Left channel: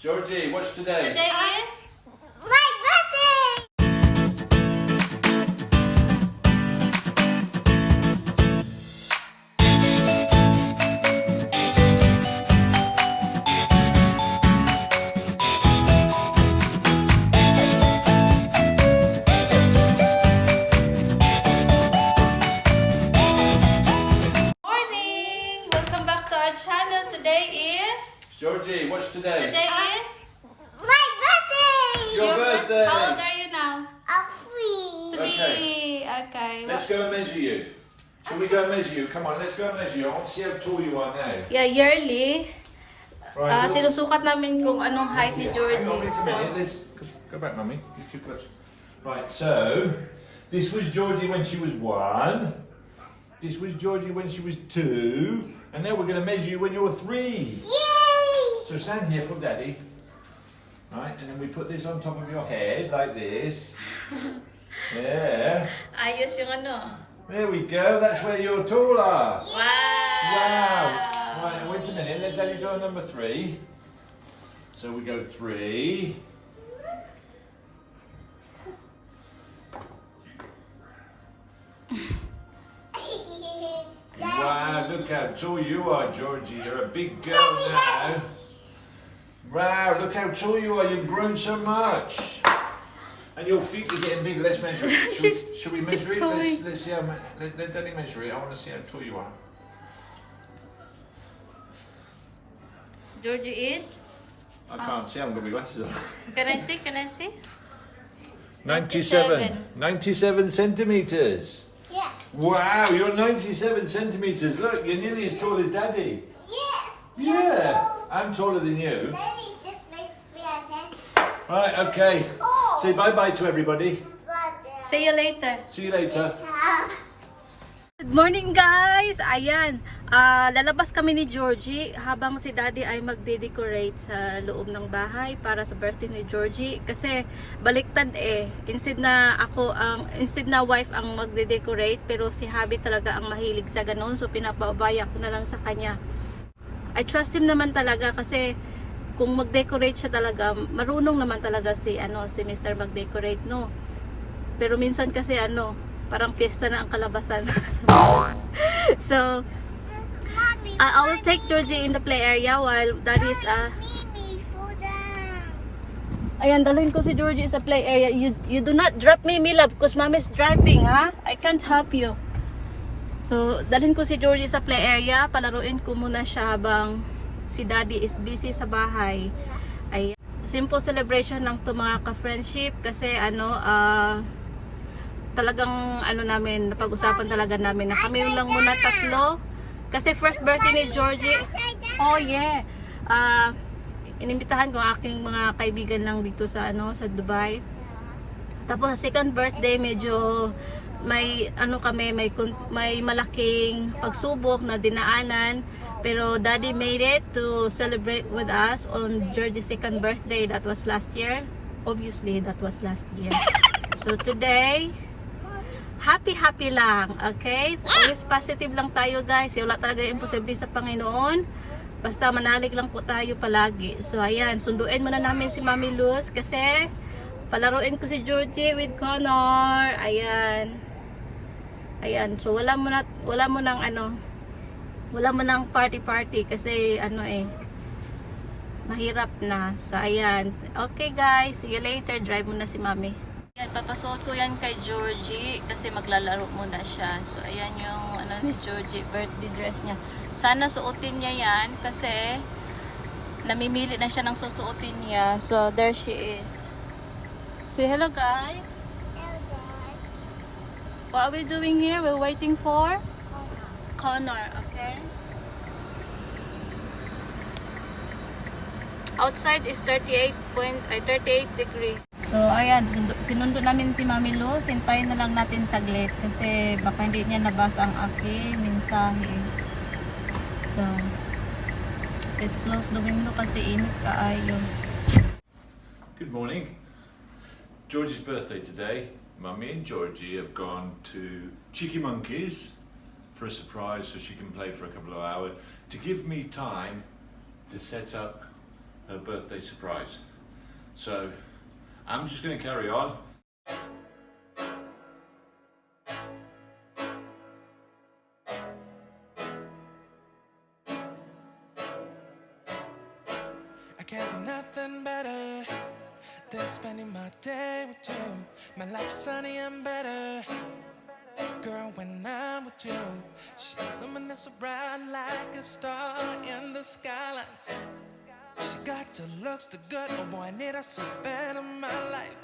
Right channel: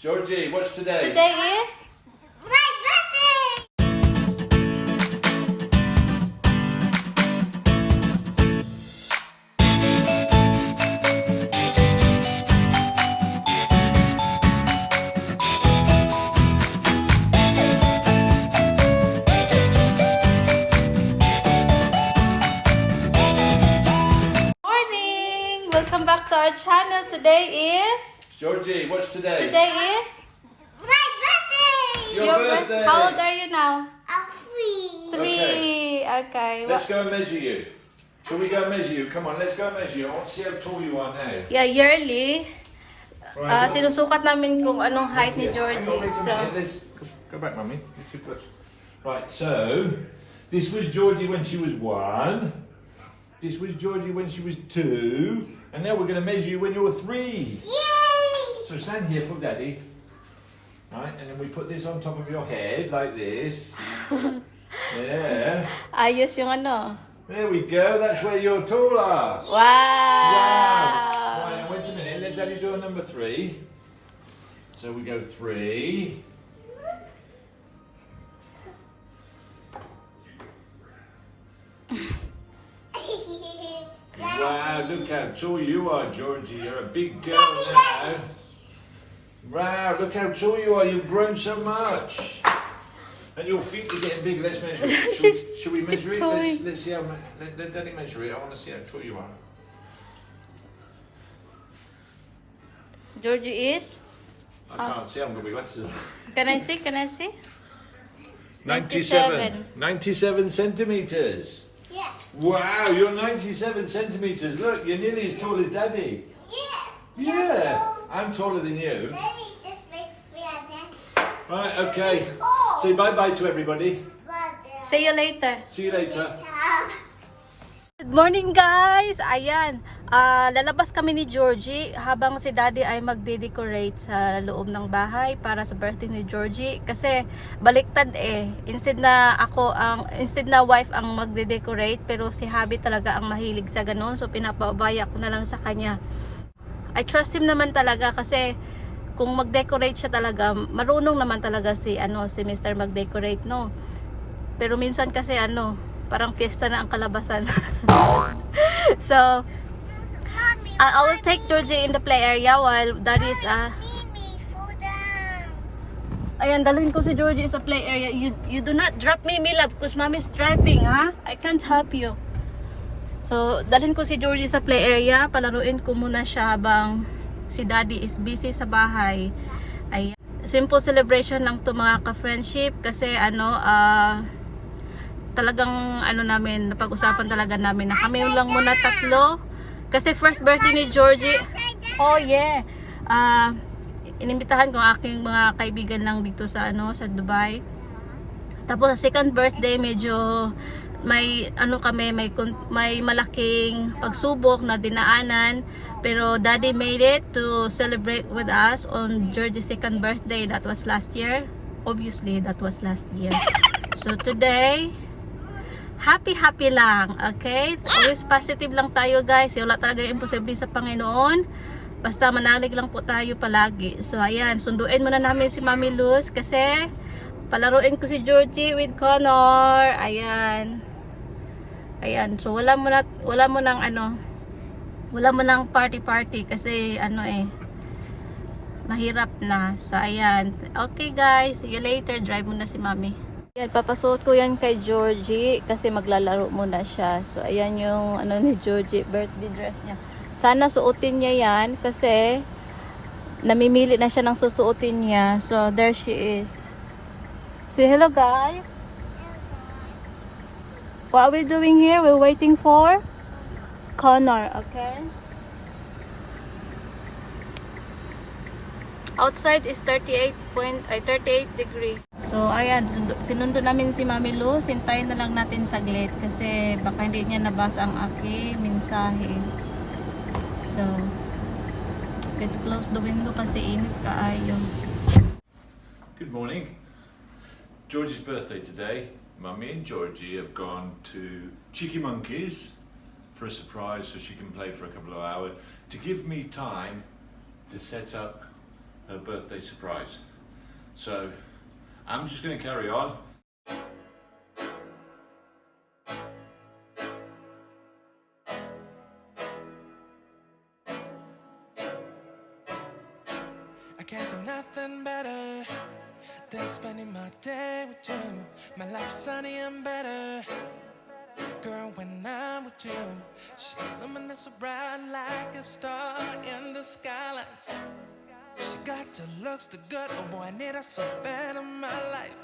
Georgie, what's today? Today is my birthday! morning! Welcome back to our channel. Today is Georgie, what's today? Today is My birthday! Your birthday. How old are you now? I'm 3. 3. Okay. Let's go and measure you. Shall we go and measure you? Come on, let's go and measure you. I want to see how tall you are now. Yeah, yearly. Right, look. Sinusukat namin kung anong height ni Hang on, Georgie. wait a So, minute. Let's go back, Mummy. Lift your foot. Right, so this was Georgie when she was 1. This was Georgie when she was 2. And now we're going to measure you when you're 3. Yay! So stand here for Daddy. Right, and then we put this on top of your head like this. Yeah. ayos yung ano. There we go. That's where you're taller. Wow! Wow. Right, wait a minute. Let Daddy do a number 3. So we go 3. Wow, look how tall you are, Georgie. You're a big girl now. Wow, look how tall you are. You've grown so much. And your feet are getting big. Let's measure it. Should we measure it? tiptoeing. Let's see how. Let Daddy measure it. I want to see how tall you are. Georgie is? I can't see. I haven't got my glasses on. Can I see? Can I see? 97 centimeters. Yes. Wow, you're 97 centimeters. Look, you're nearly as tall as Daddy. Yes. Yeah, I'm taller than you. Daddy just makes me a dad. Right, okay. Oh. Say bye-bye to everybody. But, See you later. See you later. Good morning guys! Ayan, lalabas kami ni Georgie habang si Daddy ay magde-decorate sa loob ng bahay para sa birthday ni Georgie. Kasi baliktad instead na wife ang magde-decorate, pero si hubby talaga ang mahilig sa ganun. So pinapabaya ko na lang sa kanya. I trust him naman talaga kasi kung mag-decorate siya talaga, marunong naman talaga si Mr. mag-decorate, no? Pero minsan kasi parang piyesta na ang kalabasan. So, Mommy, I will take Georgie in the play area while Daddy is Mimi, fall down. ayan, dalhin ko si Georgie sa play area. You do not drop me, love, because Mommy's driving, ha? I can't help you. So, dalhin ko si Georgie sa play area. Palaruin ko muna siya habang si Daddy is busy sa bahay. Ayan. Simple celebration lang to mga ka-friendship kasi talagang namin, napag-usapan talaga namin na kami lang muna tatlo. Kasi first birthday ni Georgie. Oh yeah. Inimbitahan ko ang aking mga kaibigan lang dito sa sa Dubai. Tapos second birthday medyo may may malaking pagsubok na dinaanan, pero Daddy made it to celebrate with us on Georgie's second birthday. That was last year. Obviously, that was last year. So today, happy lang, okay? Always positive lang tayo guys. Wala talaga imposible sa Panginoon. Basta manalig lang po tayo palagi. So ayan, sunduin muna namin si Mami Luz kasi palaruin ko si Georgie with Connor. Ayan. Ayan, so wala mo nang party kasi mahirap na. So ayan. Okay guys, see you later. Drive muna si Mami. Yan, papasuot ko yan kay Georgie kasi maglalaro muna siya. So ayan yung ni Georgie, birthday dress niya. Sana suotin niya yan kasi namimili na siya ng susuotin niya. So there she is. Say hello guys. Hello, guys. What are we doing here? We're waiting for Connor, okay? Outside is 38 degree. So ayan, sinundo namin si Mami Luz. Hintayin na lang natin saglit kasi baka hindi niya nabasa ang aking mensahe. So let's close the window kasi init kaayo. Good morning. Georgie's birthday today. Mummy and Georgie have gone to Cheeky Monkey's for a surprise so she can play for a couple of hours to give me time to set up her birthday surprise. So I'm just going to carry on. I can't think nothing better than spending my day with you. My life is sunny and better, girl, when I'm with you. She luminous so bright like a star in the skylines. She got the looks, the good, oh boy, I need her so bad in my life.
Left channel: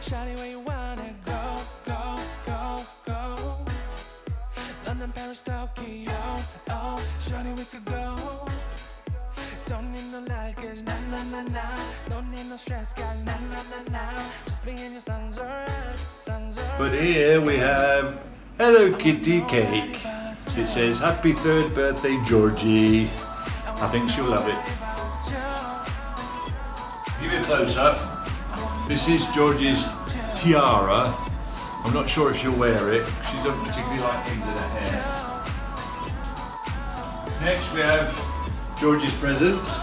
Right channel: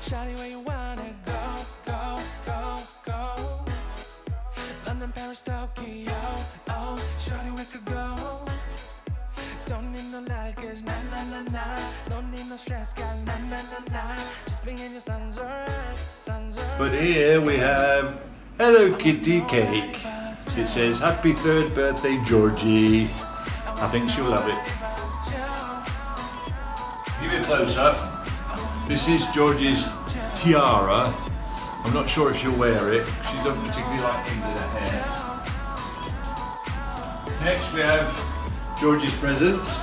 Shawty, where you wanna go, go, go, go? London, Paris, Tokyo, oh, shawty, we could go. Don't need no luggage, nah, nah, nah, nah. Don't need no stress, got nah, nah, nah, nah. Just being your son's alright, son's alright. But here we have Hello Kitty cake. It says happy 3rd birthday Georgie. I think she'll love it. Give you a close up. This is Georgie's tiara. I'm not sure if she'll wear it. She doesn't particularly like things in her hair. Next we have Georgie's presents.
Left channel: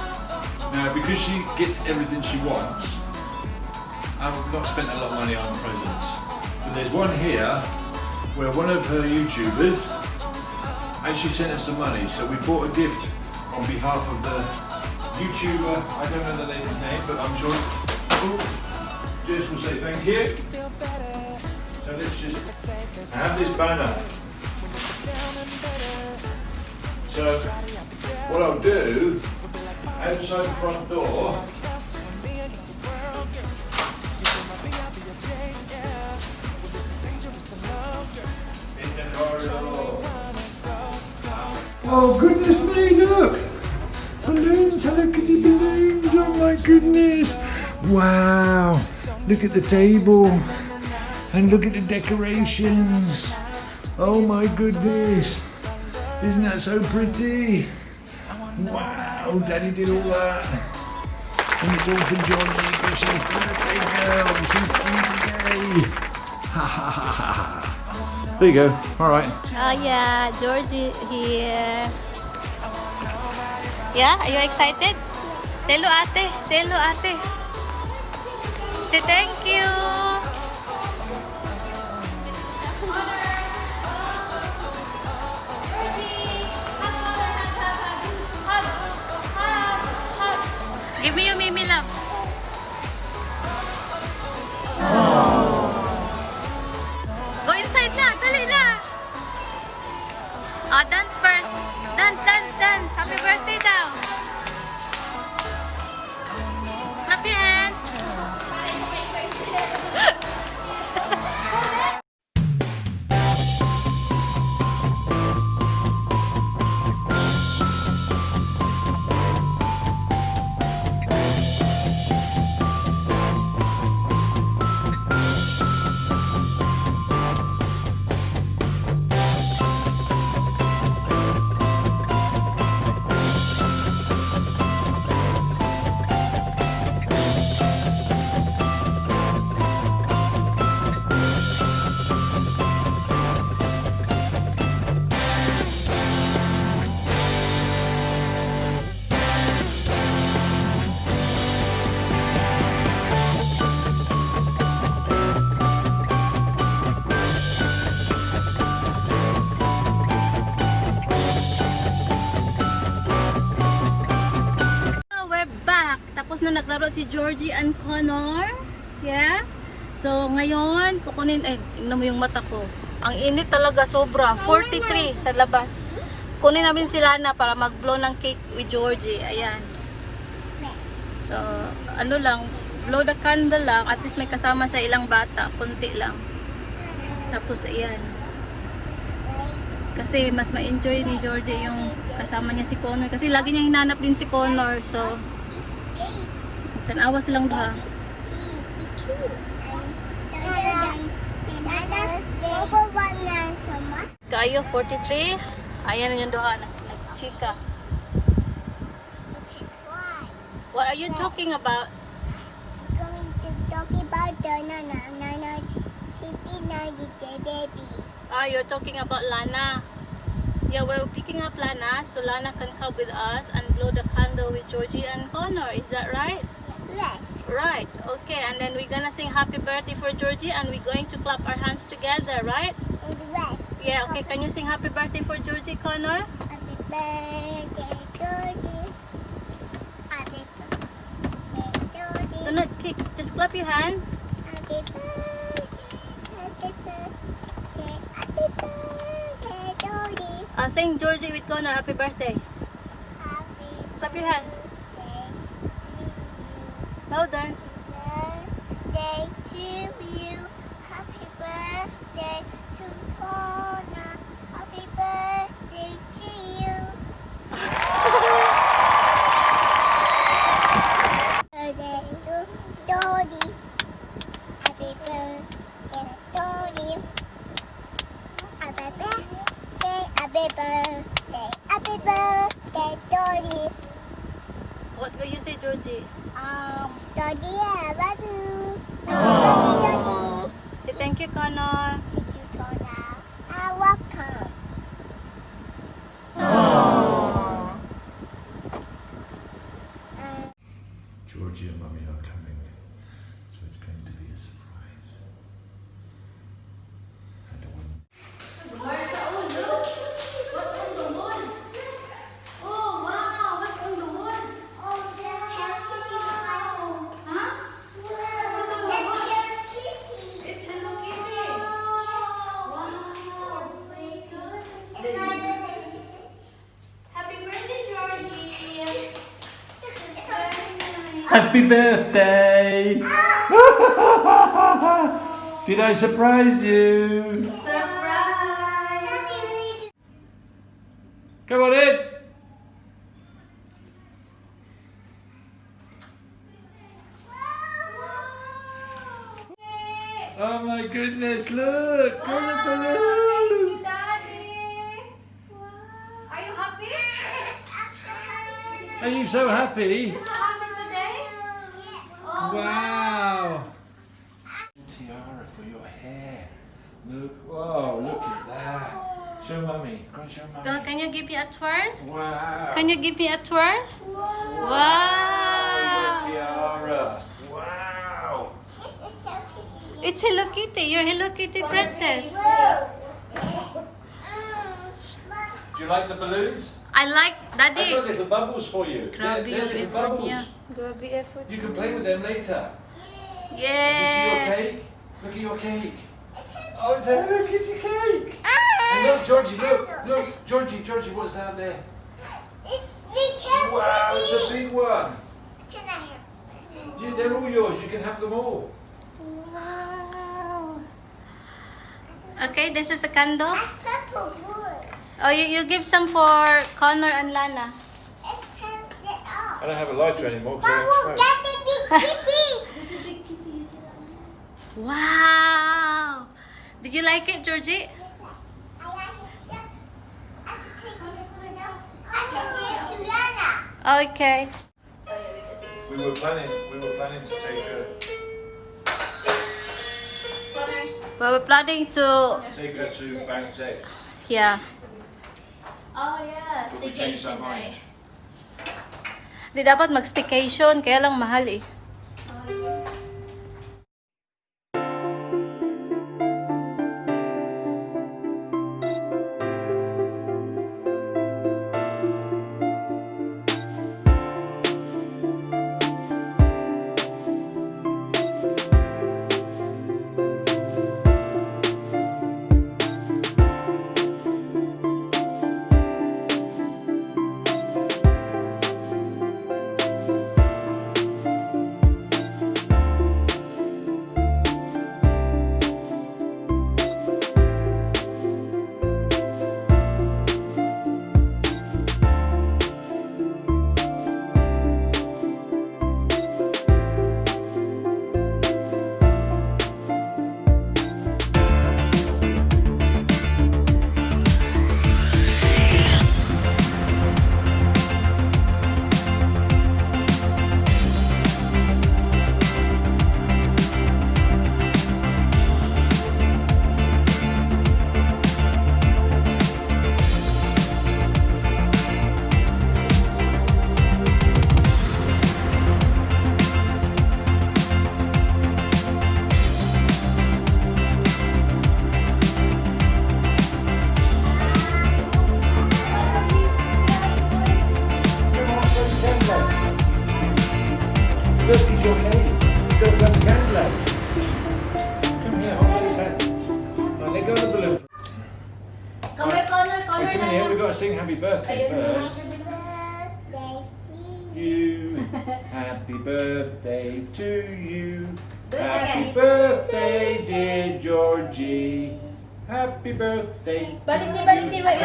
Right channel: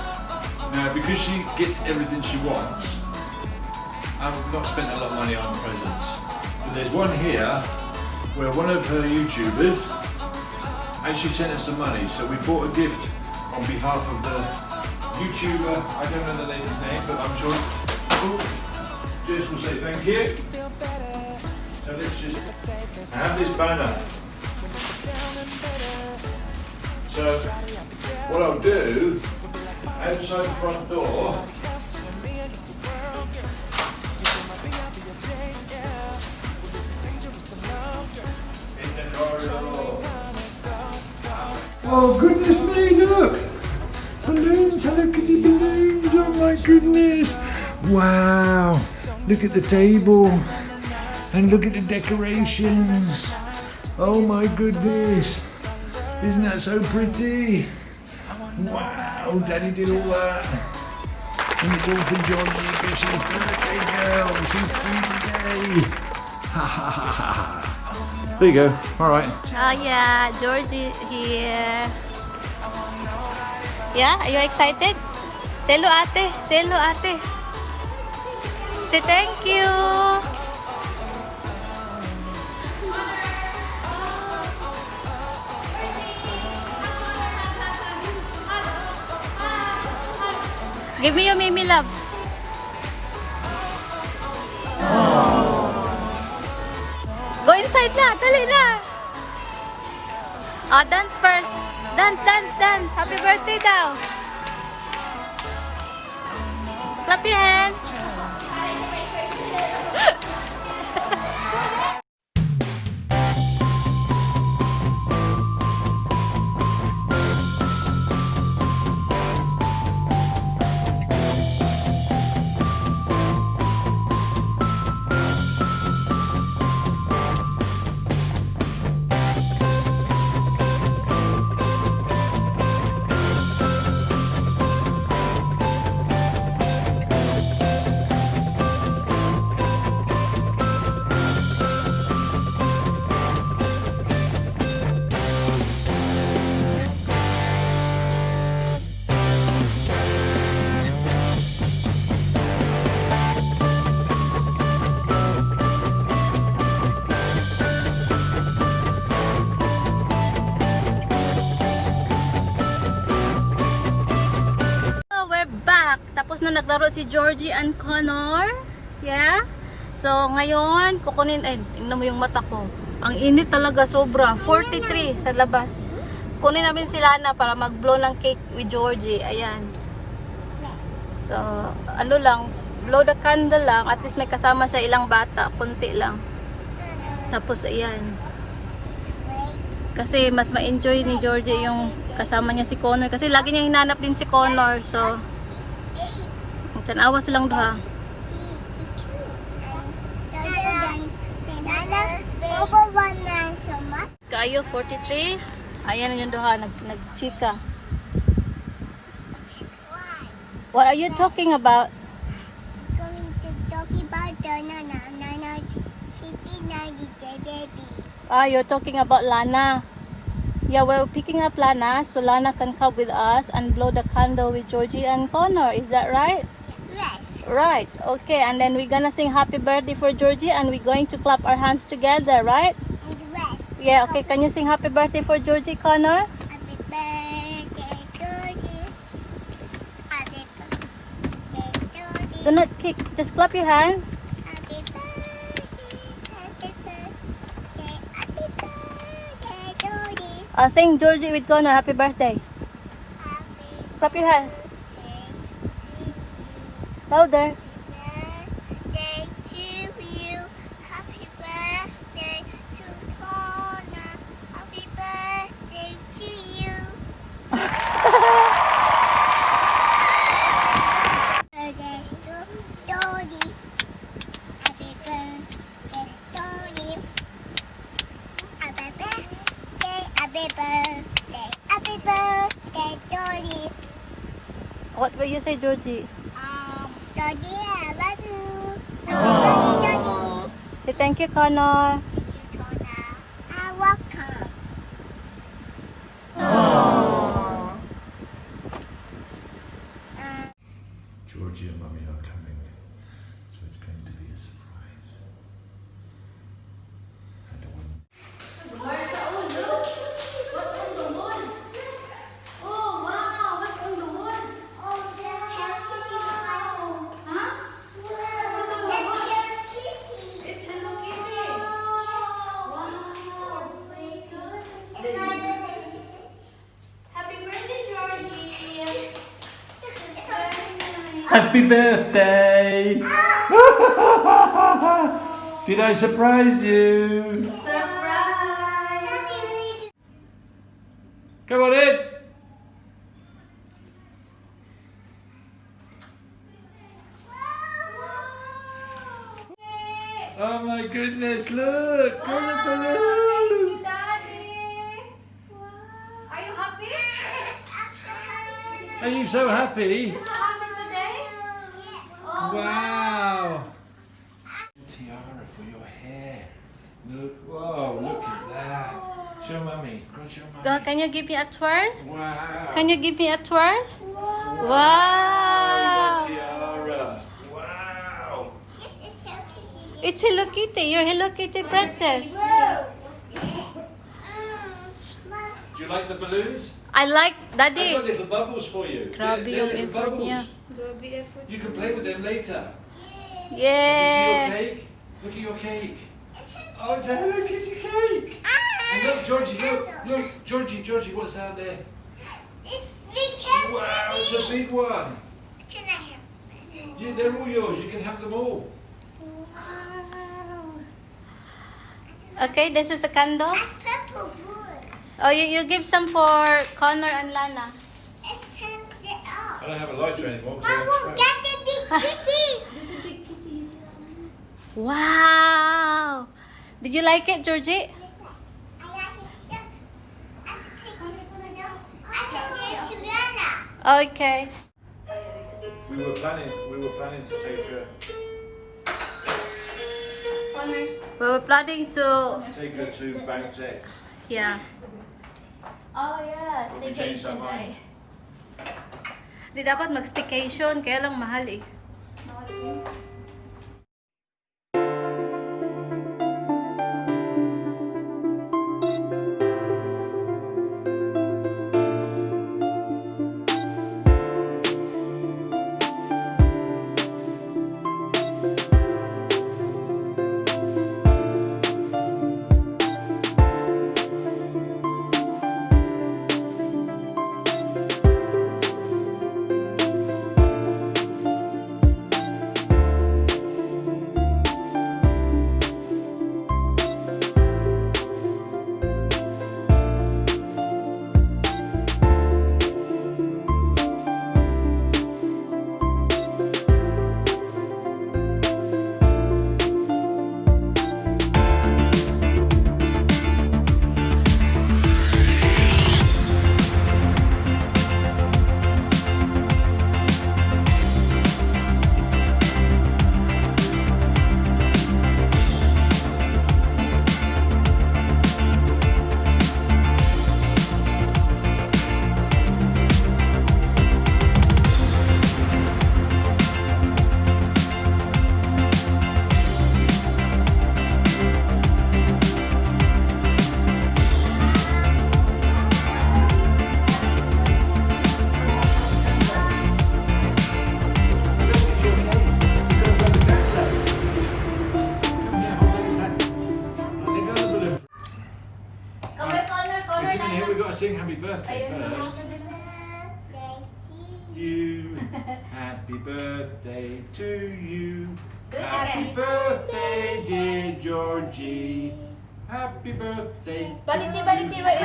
Now because she gets everything she wants, I've not spent a lot of money on presents. But there's one here where one of her YouTubers actually sent us some money. So we bought a gift on behalf of the YouTuber. I don't know the lady's name, but I'm sure Jess will say thank you. So let's just have this banner. So what I'll do, outside the front door, in the corridor. Oh goodness me, look! Balloons, Hello Kitty balloons, oh my goodness! Wow! Look at the table! And look at the decorations! Oh my goodness! Isn't that so pretty? Wow, Daddy did all that. And it's all for Georgie because she's birthday girl. She's birthday. Ha ha ha ha. There you go. All right. Oh yeah, Georgie here. Yeah, are you excited? Say hello ate. Say hello ate. Say thank you. Give me your Mimi love. Go inside na, dali na. Oh, dance first. Dance, dance, dance. Happy birthday daw. Clap your hands. Tapos na naglaro si Georgie and Connor. Yeah? So, ngayon, kukunin, tingnan mo yung mata ko. Ang init talaga, sobra. 43 sa labas. Kunin namin sila na para mag-blow ng cake with Georgie. Ayan. So, ano lang, blow the candle lang. At least may kasama siya ilang bata. Kunti lang. Tapos, ayan. Kasi mas ma-enjoy ni Georgie yung kasama niya si Connor. Kasi lagi niya hinanap din si Connor. So, tanawas lang doha. Kayo 43. Ayan yung doha nag-chika. What are you talking about? I'm going to talk about the Nana, baby. Ah, you're talking about Lana. Yeah, we're picking up Lana, so Lana can come with us and blow the candle with Georgie and Connor. Is that right? Yes. Right. Okay, and then we're gonna sing happy birthday for Georgie and we're going to clap our hands together, right? And red. Yeah, okay. Can you sing happy birthday for Georgie, Connor? Happy birthday, Georgie. Happy birthday, Georgie. Do not kick. Just clap your hand. Happy birthday, happy birthday, happy birthday, Georgie. Sing Georgie with Connor. Happy birthday. Happy Clap your hand. birthday to you. Louder. Birthday to you. Happy birthday to Tona. Happy birthday to you. Birthday to Dodie. Happy birthday, Dodie. Happy birthday, happy birthday, happy birthday, Dodie. What will you say, Georgie? Dodie, I love you. Dodie. Say thank you, Connor. Thank you, Tona. I welcome. Georgie and Mummy are coming, so it's going to be a surprise. I don't want. What's on the wall? Oh, wow. What's on the wall? Oh, this Hello Kitty. Huh? What's on the wall? Hello Kitty. It's Hello Kitty. Wow. It's my birthday. Happy birthday, Georgie. Happy birthday! Did I surprise you? Surprise. Come on in! Oh my goodness, look! All the balloons! Daddy. Are you happy? Are you so happy? So happy today? Oh, Wow! Tiara for your hair. Look, whoa, look at that. Show Mummy. Go show Mummy. Can you give me a twirl? Wow. Can you give me a twirl? Wow. Tiara. Wow. It's Hello Kitty. You're Hello Kitty princess. Do you like the balloons? I like I Daddy. got little bubbles for you. Grabe They're yung little effort bubbles. niya. You can play with them later. Did you see your Yeah. cake? Look at your cake. Oh, it's a Hello Kitty cake. And look, Georgie, look, Georgie, what's down there? Wow, it's a big one. Can I have? Yeah, they're all yours. You can have them all. Okay, this is a candle. Purple wood. Oh, you give some for Connor and Lana. Let's turn it off. I don't have a lighter anymore because Mom will get the big kitty. Wow. Did you like it, Georgie? I like it. I should take this one off. I should give it to Lana. Okay. We were planning to take her We were planning to, to BISDAK&BRITISH. yeah. Oh yeah, staycation, right? Di dapat mag-staycation, kaya lang mahal eh. birthday first. Happy birthday to you. You. Happy birthday to you. Do it Happy again. birthday, dear Georgie. Happy birthday to Balik you. wait.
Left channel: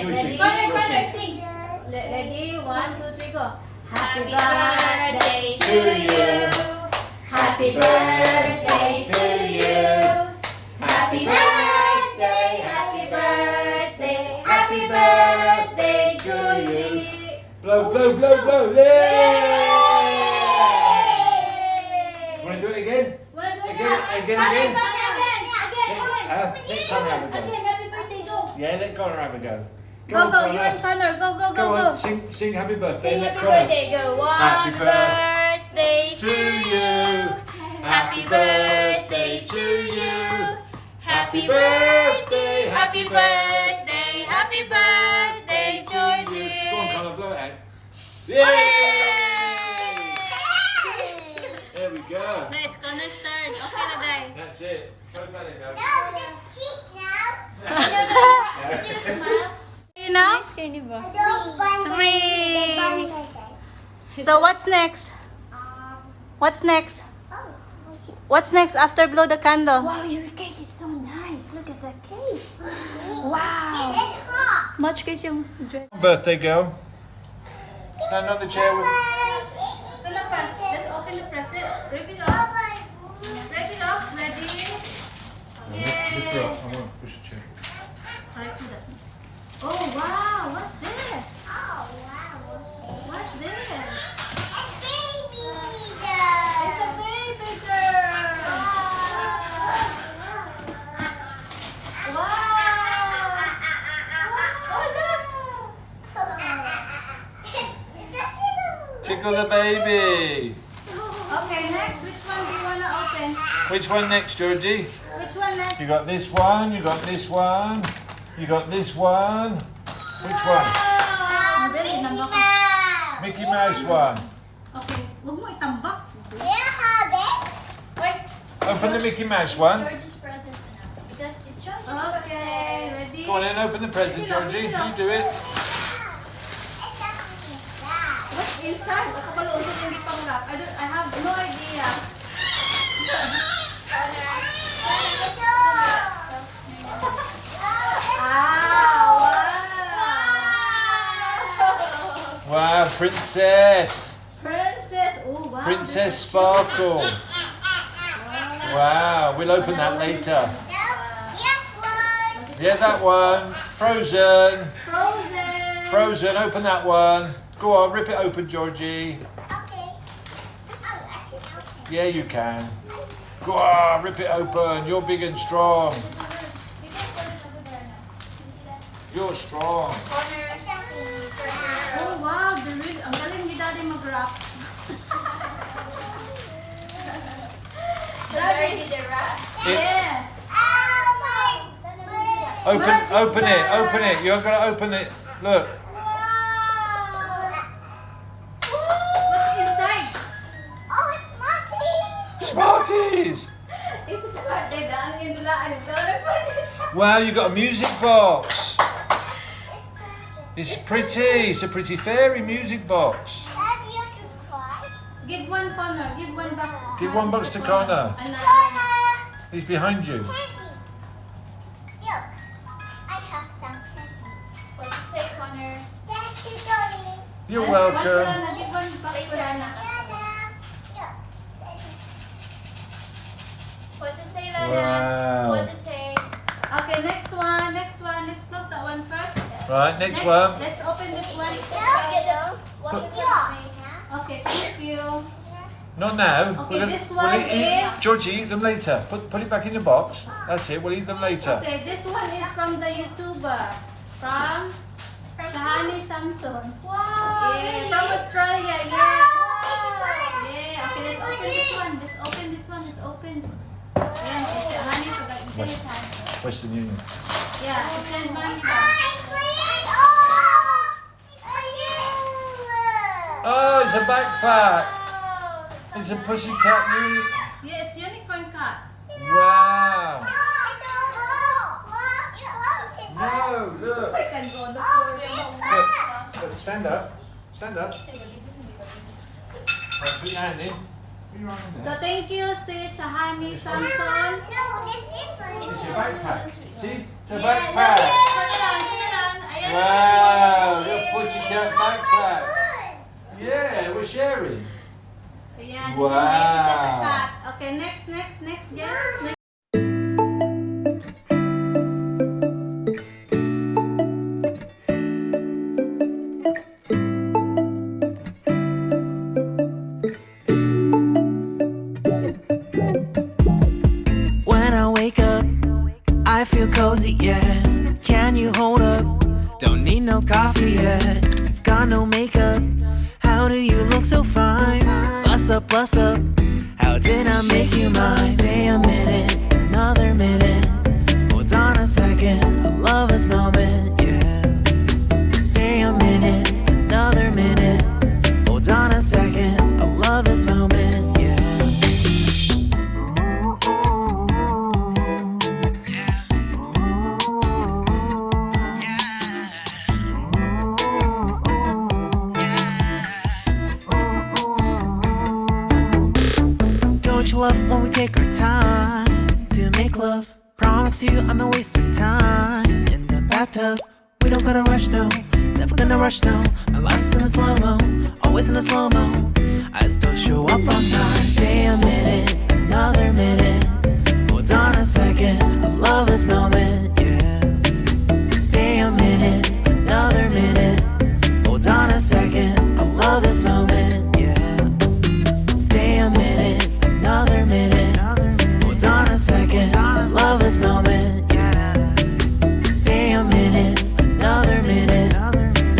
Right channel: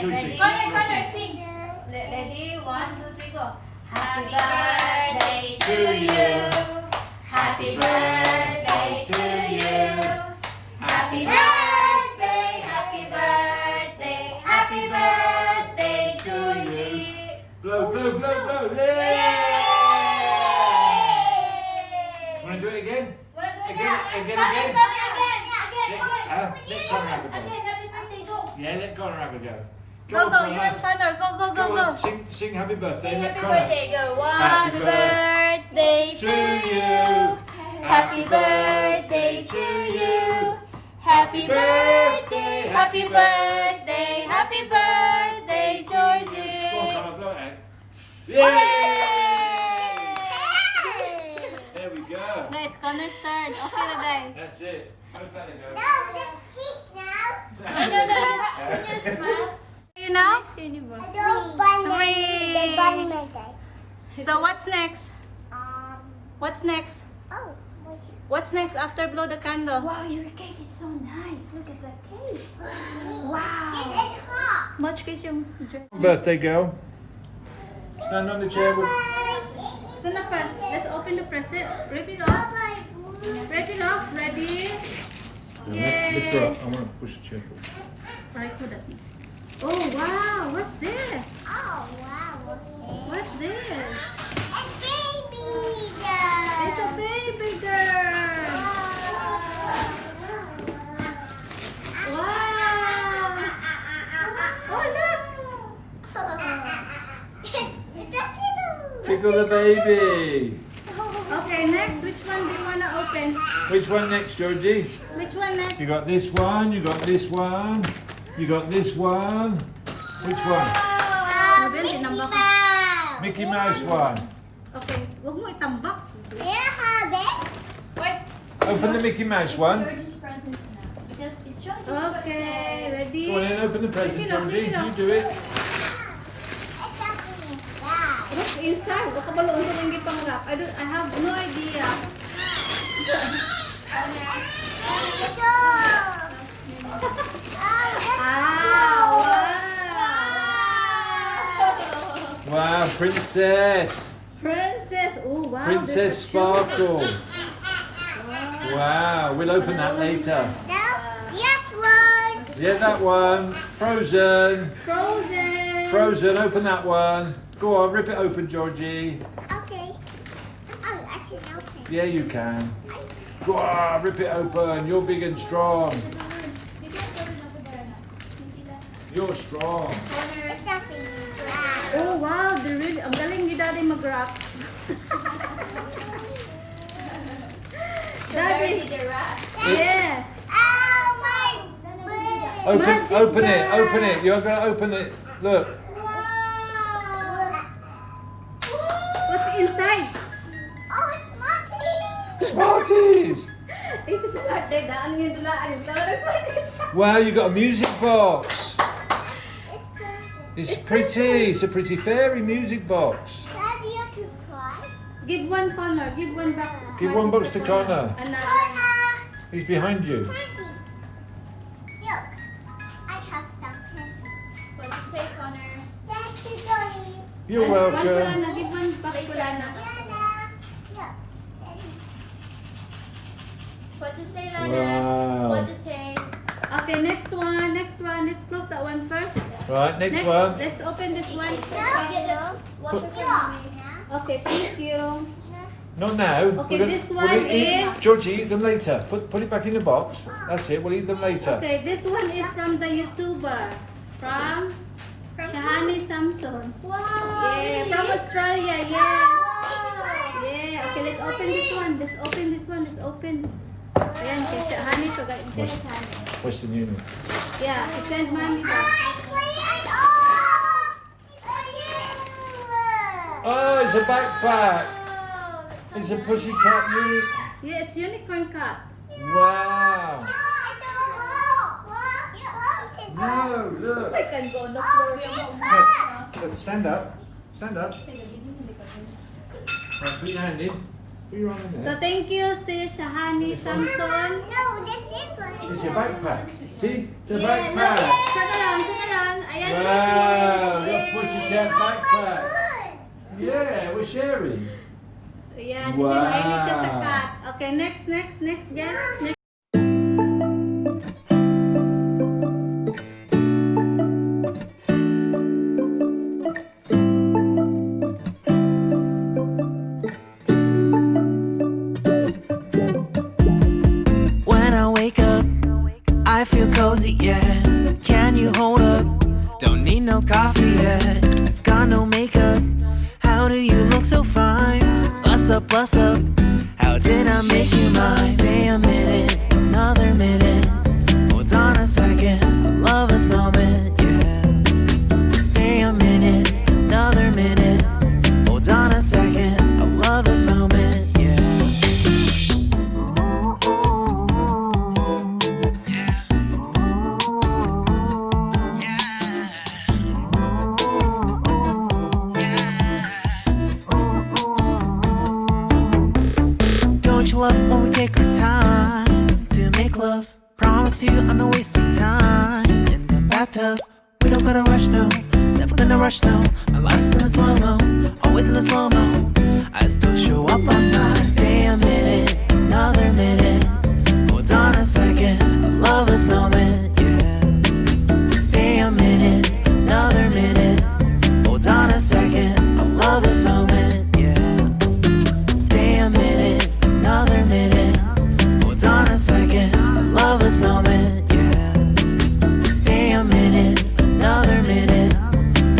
You sing. Connor, You Connor, sing. sing. Ready? 1, 2, 3, go. Happy birthday to you. Happy Happy birthday to you. Happy birthday, happy birthday, happy birthday, Georgie. Blow, blow, blow, blow. Yay! Want to do it again? Again. Let Connor have a go. Happy birthday, go. Yeah, let Connor have a go. Go, go, Connor. you and Connor. Go, go, Go go, on, go. sing happy birthday. Sing Let happy Connor. birthday, go. Happy Happy birthday to you. Happy birthday to you. Happy birthday, happy birthday, happy birthday, Go on, Georgie. Connor, blow it out. Yay! There we go. It's Connor's turn. Okay na, Day. That's it. Go for it now. No, just eat now. You know? Three. 3. So what's next? What's next? Oh, What's next after blow the candle? Wow, your cake is so nice. Look at that cake. it's hot. Much cake yung dress. Birthday girl. Stand on the chair. Still the first. Let's open the present. Rip it off. Break it off. Ready? Lift her Yay! up. I want to push the chair. Alright, who does it? Oh wow! What's this? Oh, wow. What's this? A baby It's a baby girl. Wow! Oh look! Tickle the baby. Okay, next, which one do you wanna open? Which one next, Georgie? Which one next? You got this one. You got this one. You got this one. Which one? Mabel, tinambak ko. Mickey Mouse one. Okay, huwag mo itambak. Wait. Open the Mickey Mouse one. Georgie's present now. Just it's Georgie's. Okay, ready? Go on then, open the present, Georgie. You do it. What's inside? Baka balong ko rin pang wrap. I have no idea. Wow, princess. Princess. Oh wow. Princess there's a Sparkle. cute- Wow, we'll open that later. Yes, one. Yeah, that one. Frozen. Frozen. Frozen, open that one. Go on, rip it open, Georgie. Okay. Oh, actually, okay. Yeah, you can. Go on, rip it open. You're big and strong. You can put it over there now. You see that? You're strong. It's something. Oh wow, the really, ang galing ni Daddy mag-wrap. Daddy. The wrap. Yeah. Oh, my Open it. You're going to open it. Look. What's inside? Oh, it's Marty. Smarties. It's a smart day. Daan yung dulaan. It's smart. Wow, you got a music box. It's person. It's pretty. It's a pretty fairy music box. Daddy, you have to try. Give one Connor. Give one box. Give one box to Connor. Another. He's behind you. Candy. Look, I have some candy. What you say, Connor? Thank you, Daddy. You're One welcome. Kulana. Give one box Kulana. Look. What to say, Lana? Wow. What to say? Okay, next one. Let's close that one first. Right, next one. Let's open this one. Okay, thank you. Not now. Okay, We'll- this we'll one eat- is- Georgie, eat them later. Put it back in the box. That's it. We'll eat them later. Okay, this one is from the YouTuber. From Shahani Samson. Wow. Yeah, from Australia. Yeah. Yeah. Okay, let's open this one. Let's open. Ayan, kay Shahani to guys. Western Union. Yeah, to send money back. Oh, it's a backpack. It's a pussycat unique. Yeah, it's unicorn cat. Wow. No, look. look. I can go on the floor. Look, stand up. Stand up. Right, put your hand in. Put your arm in So there. thank you si Shahani Samson. No, this is It's your backpack. See? It's a Yeah, backpack. look. Turn around. Ayan. Wow, your Yay. pussycat backpack. Yeah, we're sharing. Ayan, Wow. sinahimik siya sa cat. Okay, next, guys. Next. When I wake up, I feel cozy, yeah. Can you hold up? Don't need no coffee yet. Got no makeup. How do you look so fine? Bust up. How did I make you mine? Stay a minute, another minute. Hold on a second, I love this moment, yeah. Stay a minute, another minute. Hold on a second, I love this moment, yeah. Don't you love when we take our time to make love? Promise you I'm not wasting time in the bathtub. We don't gotta rush, no. Never gonna rush, no. My life's in a slow-mo, always in a slow-mo. I still show up on time. Stay a minute, another minute. Hold on a second, I love this moment, yeah. Stay a minute, another minute. Hold on a second, I love this moment, yeah. Stay a minute, another minute. Hold on a second, I love this moment, yeah. Stay a minute, another minute.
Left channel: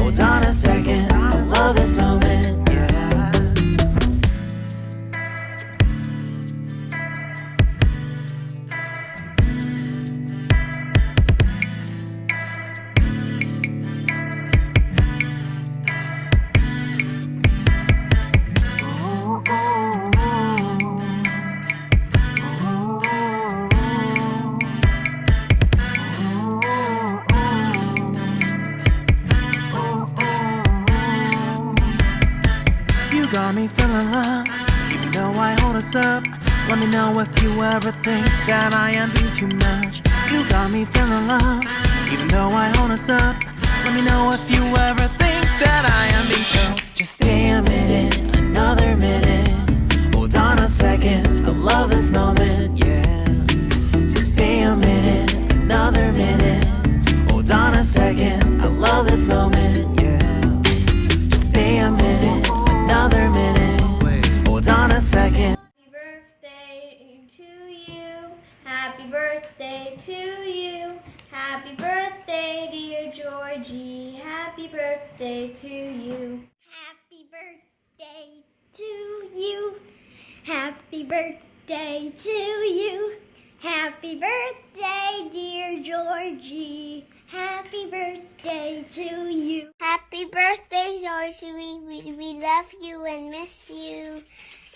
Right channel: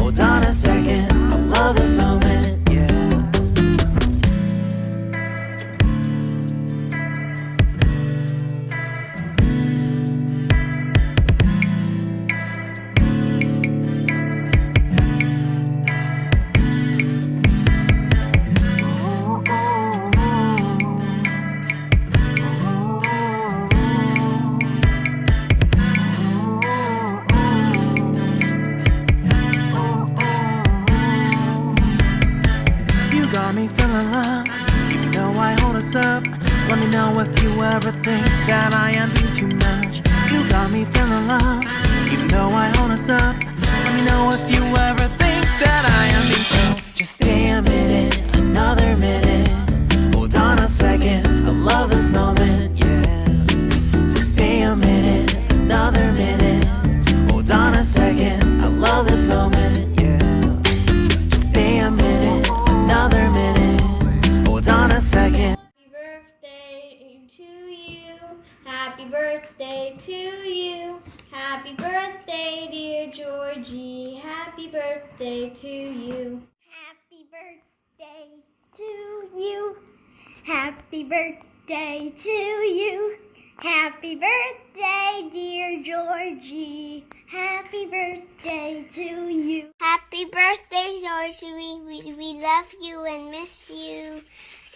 Hold on a second, I love this moment, yeah. You got me feeling loved, even though I hold us up. Let me know if you ever think that I am being too much. You got me feeling loved, even though I hold us up. Let me know if you ever think that I am being so. Just stay a minute, another minute. Hold on a second, I love this moment, yeah. Just stay a minute, another minute. Hold on a second, I love this moment, yeah. Just stay a minute, another minute. Hold on a second. Happy birthday to you. Happy birthday, dear Georgie. Happy birthday to you. Happy birthday to you. Happy birthday to you. Happy birthday, dear Georgie. Happy birthday to you. Happy birthday, Georgie. We love you and miss you.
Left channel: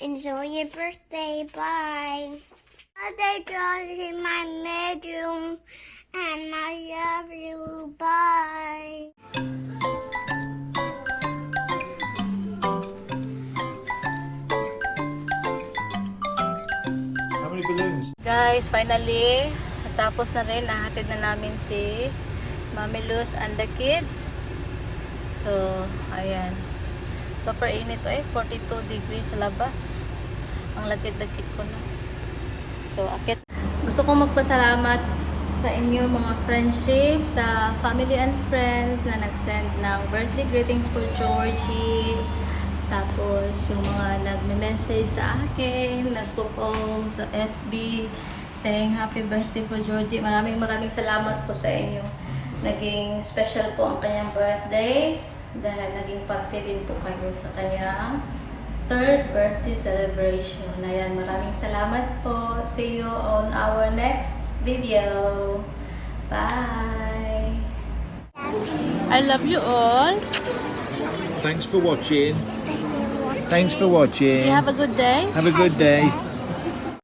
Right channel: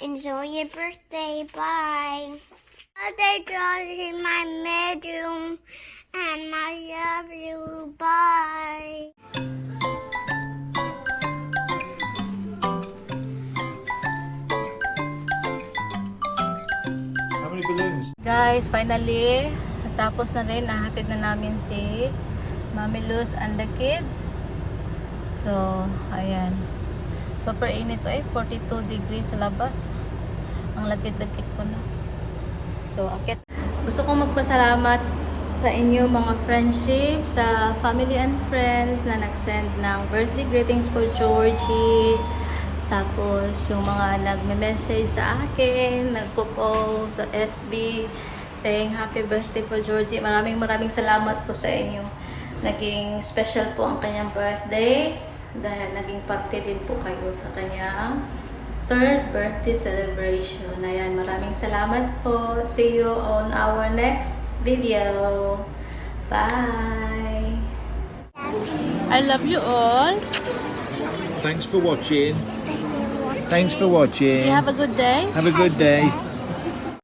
Enjoy your birthday. Bye. Birthday, Georgie, my medium. And I love you. Bye. How many balloons? Guys, finally, natapos na rin. Nahatid na namin si Mami Luz and the kids. So, ayan. Super init to 42 degrees sa labas. Ang lagkit-lagkit ko na. So, akit. Gusto kong magpasalamat sa inyo mga friendship, sa family and friends na nag-send ng birthday greetings for Georgie. Tapos, yung mga nagme-message sa akin, nagpo-post sa FB, saying happy birthday for Georgie. Maraming salamat po sa inyo. Naging special po ang kanyang birthday dahil naging parte din po kayo sa kanyang third birthday celebration. Ayan, maraming salamat po. See you on our next video. Bye! I love you all. Thanks for watching. Thanks for watching. Have a good day. Have a good day.